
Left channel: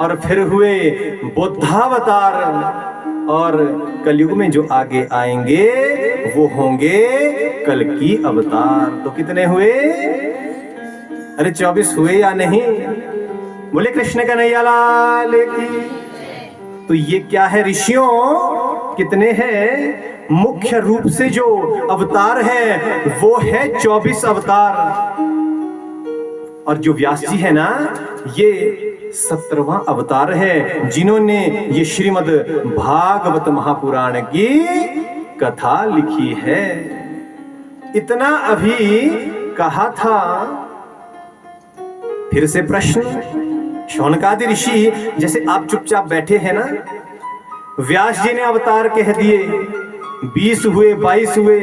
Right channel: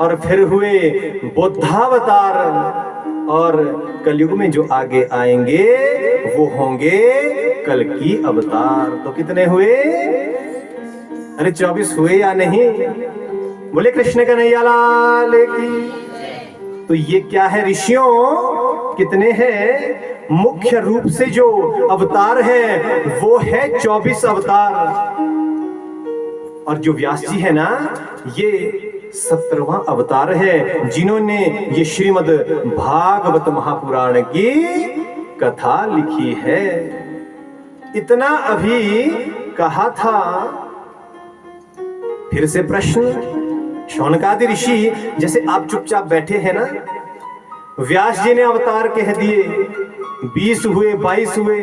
और फिर हुए बुद्धावतार, और कलयुग में जो आगे आएंगे वो होंगे कल्कि अवतार। तो कितने हुए? अरे 24 हुए या नहीं? बोले कृष्ण कन्हैया लाल की। तो ये क्या है ऋषियों, कितने हैं? मुख्य रूप से जो अवतार है वो है 24 अवतार। और जो व्यास जी है ना, ये 17वां अवतार है, जिन्होंने ये श्रीमद् भागवत महापुराण की कथा लिखी है। इतना अभी कहा था। फिर से प्रश्न, शौनकादि ऋषि जैसे आप चुपचाप बैठे हैं ना, व्यास जी ने अवतार कह दिए, 20 हुए, 22 हुए,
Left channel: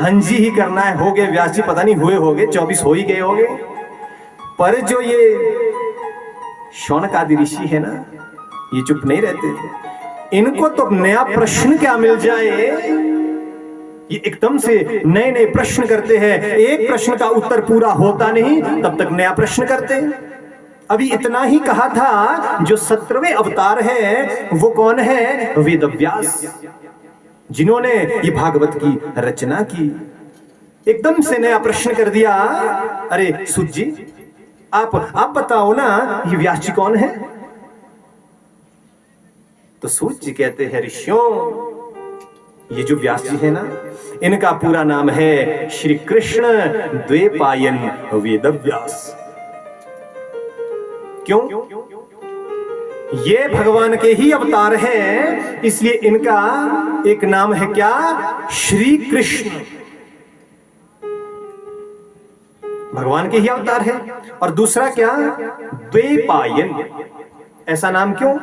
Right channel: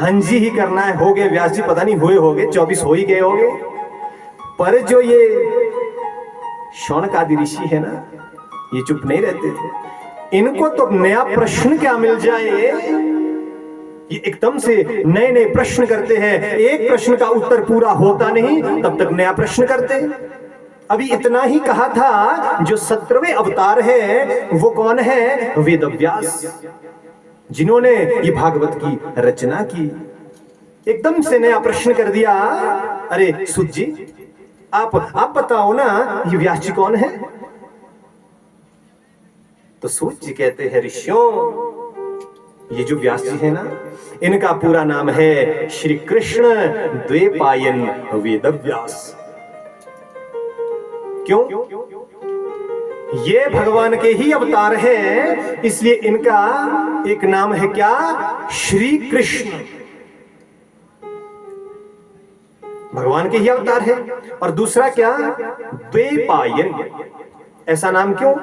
हंजी ही करना है, हो गए व्यास जी, पता नहीं हुए होंगे, 24 हो ही गए होंगे। पर जो ये शौनकादि ऋषि है ना, ये चुप नहीं रहते थे। इनको तो नया प्रश्न क्या मिल जाए, ये एकदम से नए नए प्रश्न करते हैं। एक प्रश्न का उत्तर पूरा होता नहीं तब तक नया प्रश्न करते। अभी इतना ही कहा था, जो 17वें अवतार है वो कौन है? वेदव्यास, जिन्होंने ये भागवत की रचना की। एकदम से नया प्रश्न कर दिया। अरे सुत जी, आप बताओ ना, ये व्यास जी कौन है? तो सूत जी कहते हैं, ऋषियों, ये जो व्यास जी है ना, इनका पूरा नाम है श्री कृष्ण द्वैपायन वेदव्यास। क्यों? ये भगवान के ही अवतार है, इसलिए इनका एक नाम है क्या? श्री कृष्ण। भगवान के ही अवतार है। और दूसरा क्या? द्वैपायन। ऐसा नाम क्यों?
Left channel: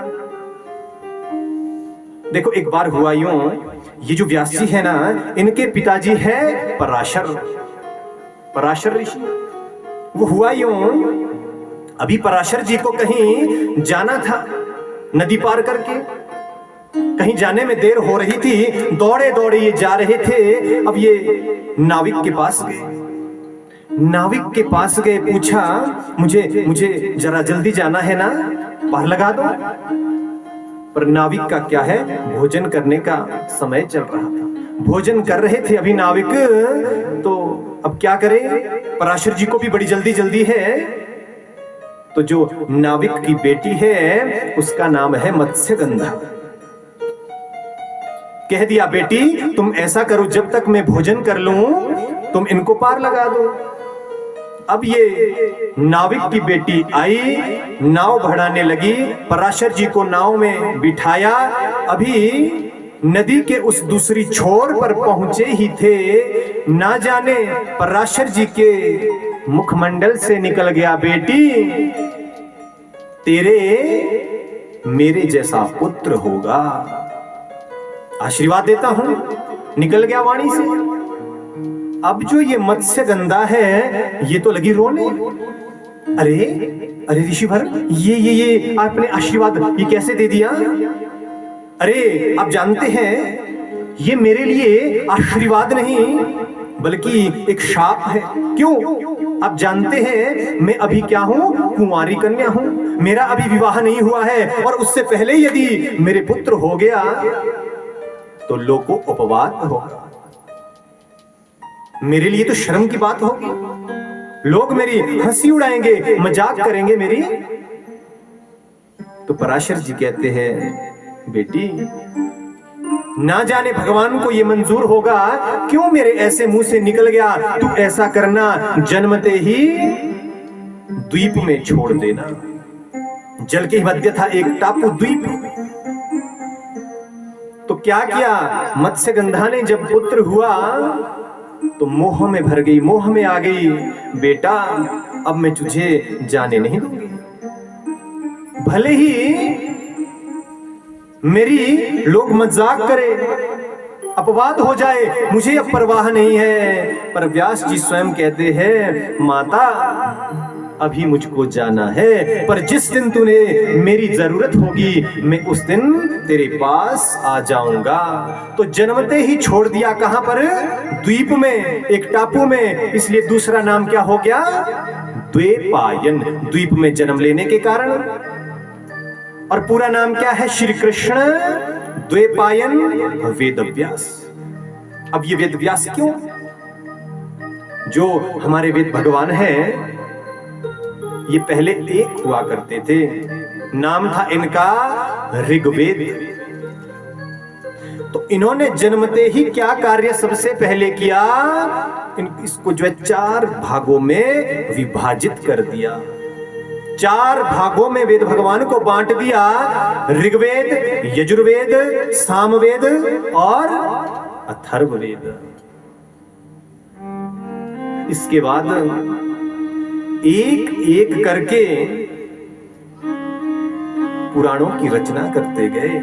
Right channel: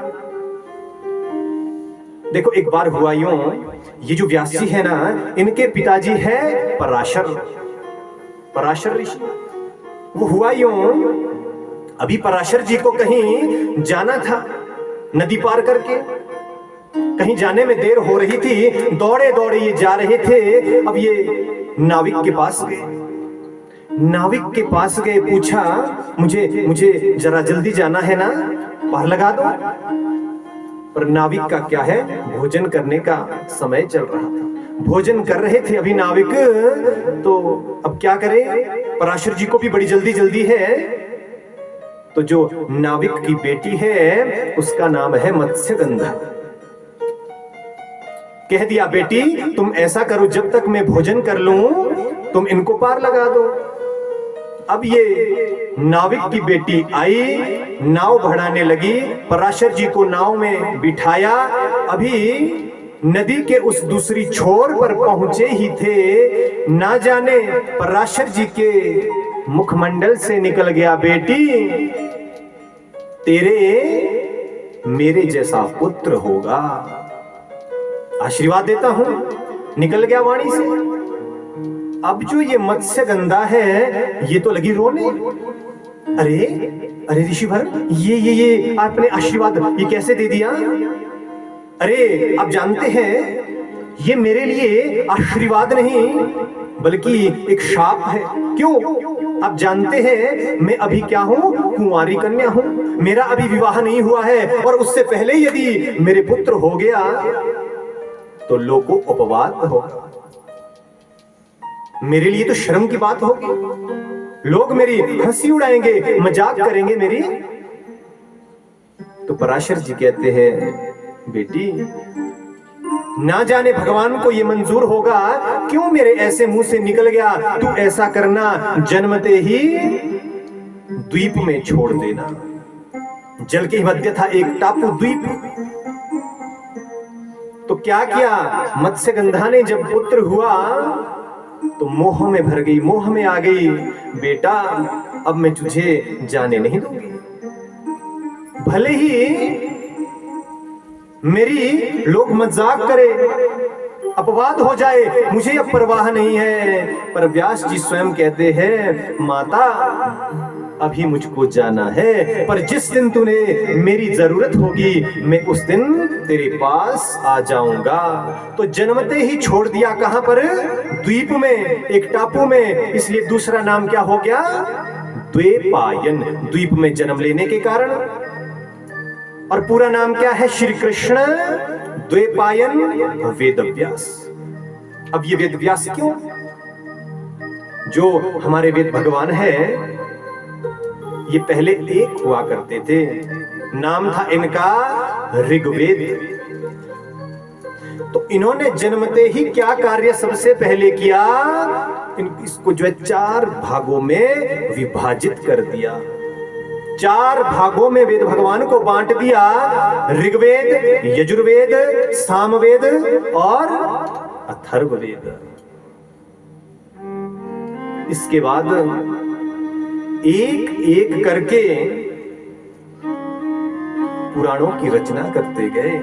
देखो, एक बार हुआ यूं, ये जो व्यास जी है ना, इनके पिताजी है पराशर ऋषि। वो हुआ यूं, अभी पराशर जी को कहीं जाना था, नदी पार करके कहीं जाने में देर हो रही थी। दौड़े दौड़े ये जा रहे थे। अब ये नाविक के पास गए, पूछा, मुझे जरा जल्दी जाना है ना, पार लगा दो। पर नाविक का क्या है, भोजन करने का समय चल रहा था, भोजन कर रहे थे अभी नाविक। तो अब क्या करें, पराशर जी को भी बड़ी जल्दी है। तो जो नाविक की बेटी है उसका नाम है मत्स्यगंधा। कह दिया, बेटी तुम ऐसा करो, जब तक मैं भोजन कर लूं तुम इनको पार लगा दो। अब ये नाविक की बेटी आई, नाव बढ़ाने लगी, पराशर जी को नाव में बिठाया। अभी नदी के उस दूसरी छोर पर पहुंचे ही थे, ना जाने पराशर जी के मुखमंडल से निकल गया, बेटी तेरे मेरे जैसा पुत्र होगा, आशीर्वाद देता हूं। निकल गया वाणी से। अब जो ये मत्स्यगंधा है, ये तो लगी रोने। अरे ऋषिवर, ये आपने आशीर्वाद ये कैसे दे दिया? अरे आप जानते हैं, ये मेरे लिए आशीर्वाद नहीं बल्कि एक शाप है। क्यों? आप जानते हैं मैं अभी क्या हूं? कुंवारी कन्या हूं। मेरा अभी विवाह नहीं हुआ है, और उससे पहले यदि मेरे पुत्र हो गया तो लोगों को अपवाद होगा, मेरे लिए तो शर्म की बात होगी। लोग मेरी हंसी उड़ाएंगे, मजाक करेंगे मेरी। तो पराशर जी कहते हैं, बेटी ना जाने भगवान को ये मंजूर होगा, क्यों मेरे ऐसे मुंह से निकल गया। तू ऐसा करना, जन्मते ही द्वीप में छोड़ देना। जल के मध्य था एक टापू द्वीप। तो क्या किया, मत्स्यगंधा ने जब पुत्र हुआ तो मोह में भर गई, मोह में आ गई। बेटा अब मैं तुझे जाने नहीं दूंगी, भले ही मेरी लोग मजाक करे, अपवाद हो जाए, मुझे अब परवाह नहीं है। पर व्यास जी स्वयं कहते हैं, माता अभी मुझको जाना है, पर जिस दिन तूने मेरी जरूरत होगी मैं उस दिन तेरे पास आ जाऊंगा। तो जन्मते ही छोड़ दिया, कहां पर? द्वीप में, एक टापू में। इसलिए दूसरा नाम क्या हो गया? द्वैपायन, द्वीप में जन्म लेने के कारण। और पूरा नाम क्या है? श्री कृष्ण द्वैपायन वेदव्यास। अब ये वेदव्यास क्यों? जो हमारे वेद भगवान है, ये पहले एक हुआ करते थे, नाम था इनका ऋग्वेद। तो इन्होंने जन्मते ही क्या कार्य सबसे पहले किया? इसको जो है 4 भागों में विभाजित कर दिया। 4 भागों में वेद भगवान को बांट दिया, ऋग्वेद, यजुर्वेद, सामवेद और अथर्ववेद। इसके बाद एक एक करके पुराणों की रचना करते गए,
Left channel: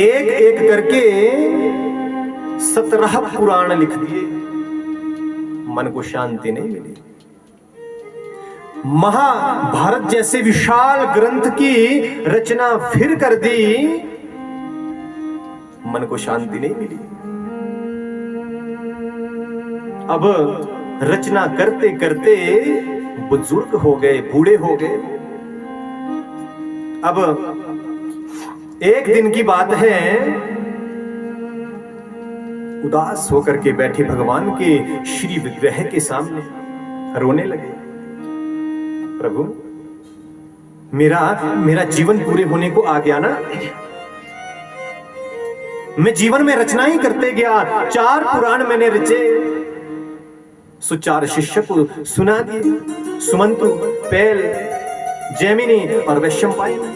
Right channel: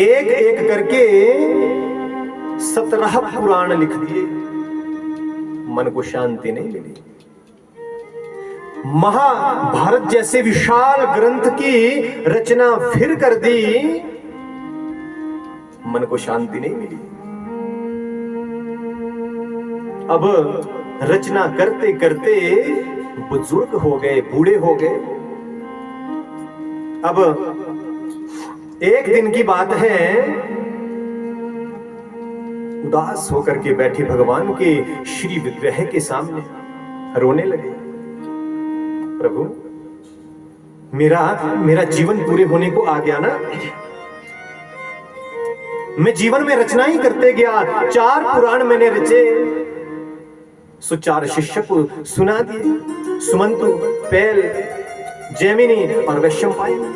एक एक करके 17 पुराण लिख दिए। मन को शांति नहीं मिली। महाभारत जैसे विशाल ग्रंथ की रचना फिर कर दी, मन को शांति नहीं मिली। अब रचना करते करते बुजुर्ग हो गए, बूढ़े हो गए। अब एक दिन की बात है, उदास होकर के बैठे भगवान के श्री विग्रह के सामने रोने लगे। प्रभु, मेरा जीवन पूरे होने को आ गया ना। मैं जीवन में रचना ही करते गया, 4 पुराण मैंने रचे, सो 4 शिष्य को सुना दिए, सुमंतु, पैल, जैमिनी और वैशंपायन।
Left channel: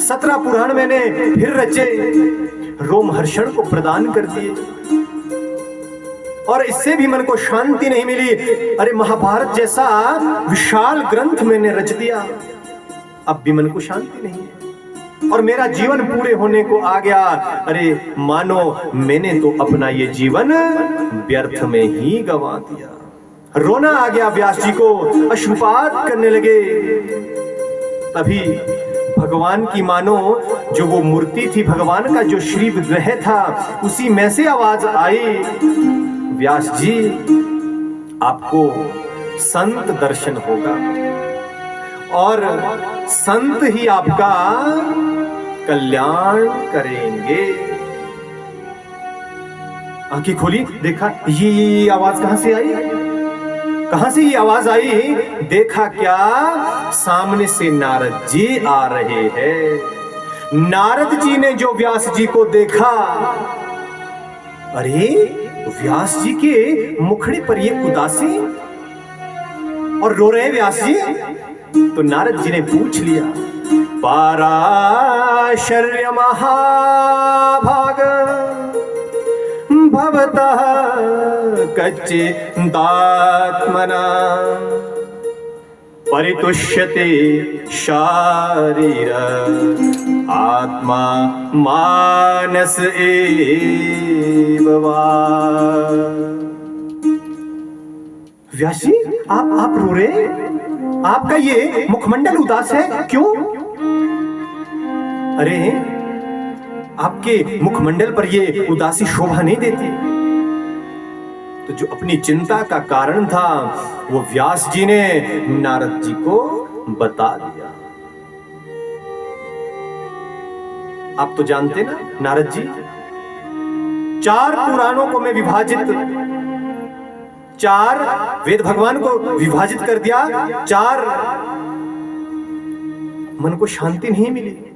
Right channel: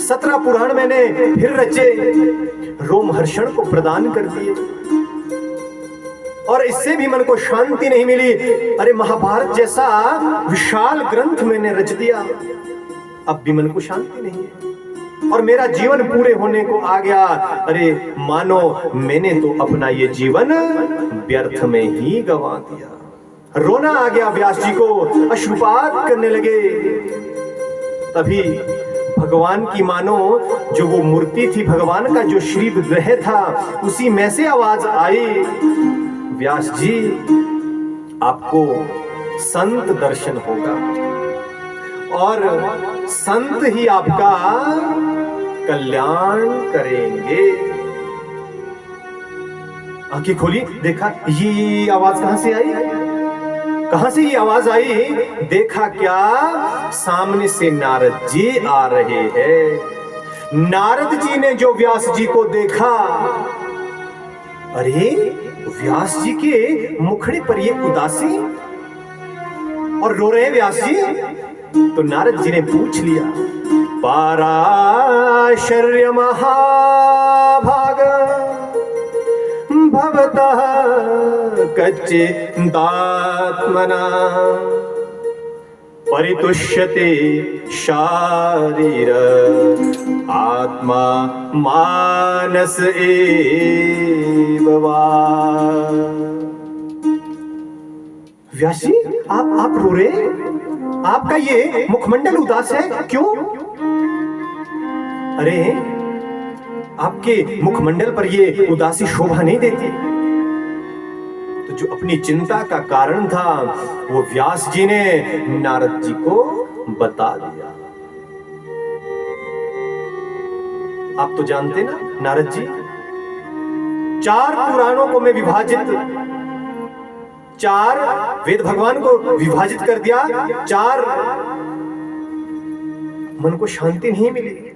17 पुराण मैंने फिर रचे, रोमहर्षण को प्रदान कर दिए, और इससे भी मन को शांति नहीं मिली। अरे महाभारत जैसा विशाल ग्रंथ मैंने रच दिया, अब भी मन को शांति नहीं है, और मेरा जीवन पूरे होने को आ गया। अरे मानो मैंने तो अपना ये जीवन व्यर्थ में ही गंवा दिया। रोना आ गया व्यास जी को, अश्रुपात करने लगे। तभी भगवान की मानो जो वो मूर्ति थी, भगवान का जो श्री विग्रह था, उसी में से आवाज आई, व्यास जी आपको संत दर्शन होगा और संत ही आपका कल्याण करेंगे। आंखें खोली, देखा ये आवाज कहां से आई, कहां से ये आवाज आई। देखा क्या, सामने से नारद जी आ रहे हैं। नारद जी ने जो व्यास जी को देखा, अरे व्यास जी के मुखड़े पर ये उदासी और रो रहे व्यास जी। तो नारद जी ने पूछ लिया, पाराशर्य महाभाग भवतः कच्चिदात्मना परितुष्यते शारीर आत्मा मानस एव वा। व्यास जी आप रो रहे, आपका ये मुखमंडल उदास है, क्यों? अरे आपके मुखमंडल पर ये उदासी शोभा नहीं देती। तो जो अपनी चिंता का कारण था वो व्यास जी ने नारद जी को बता दिया। आप तो जानते ना नारद जी, 4 पुराणों को मैं विभाजित, 4 वेद भगवान को विभाजित कर दिया, 4 मन को शांति नहीं मिली।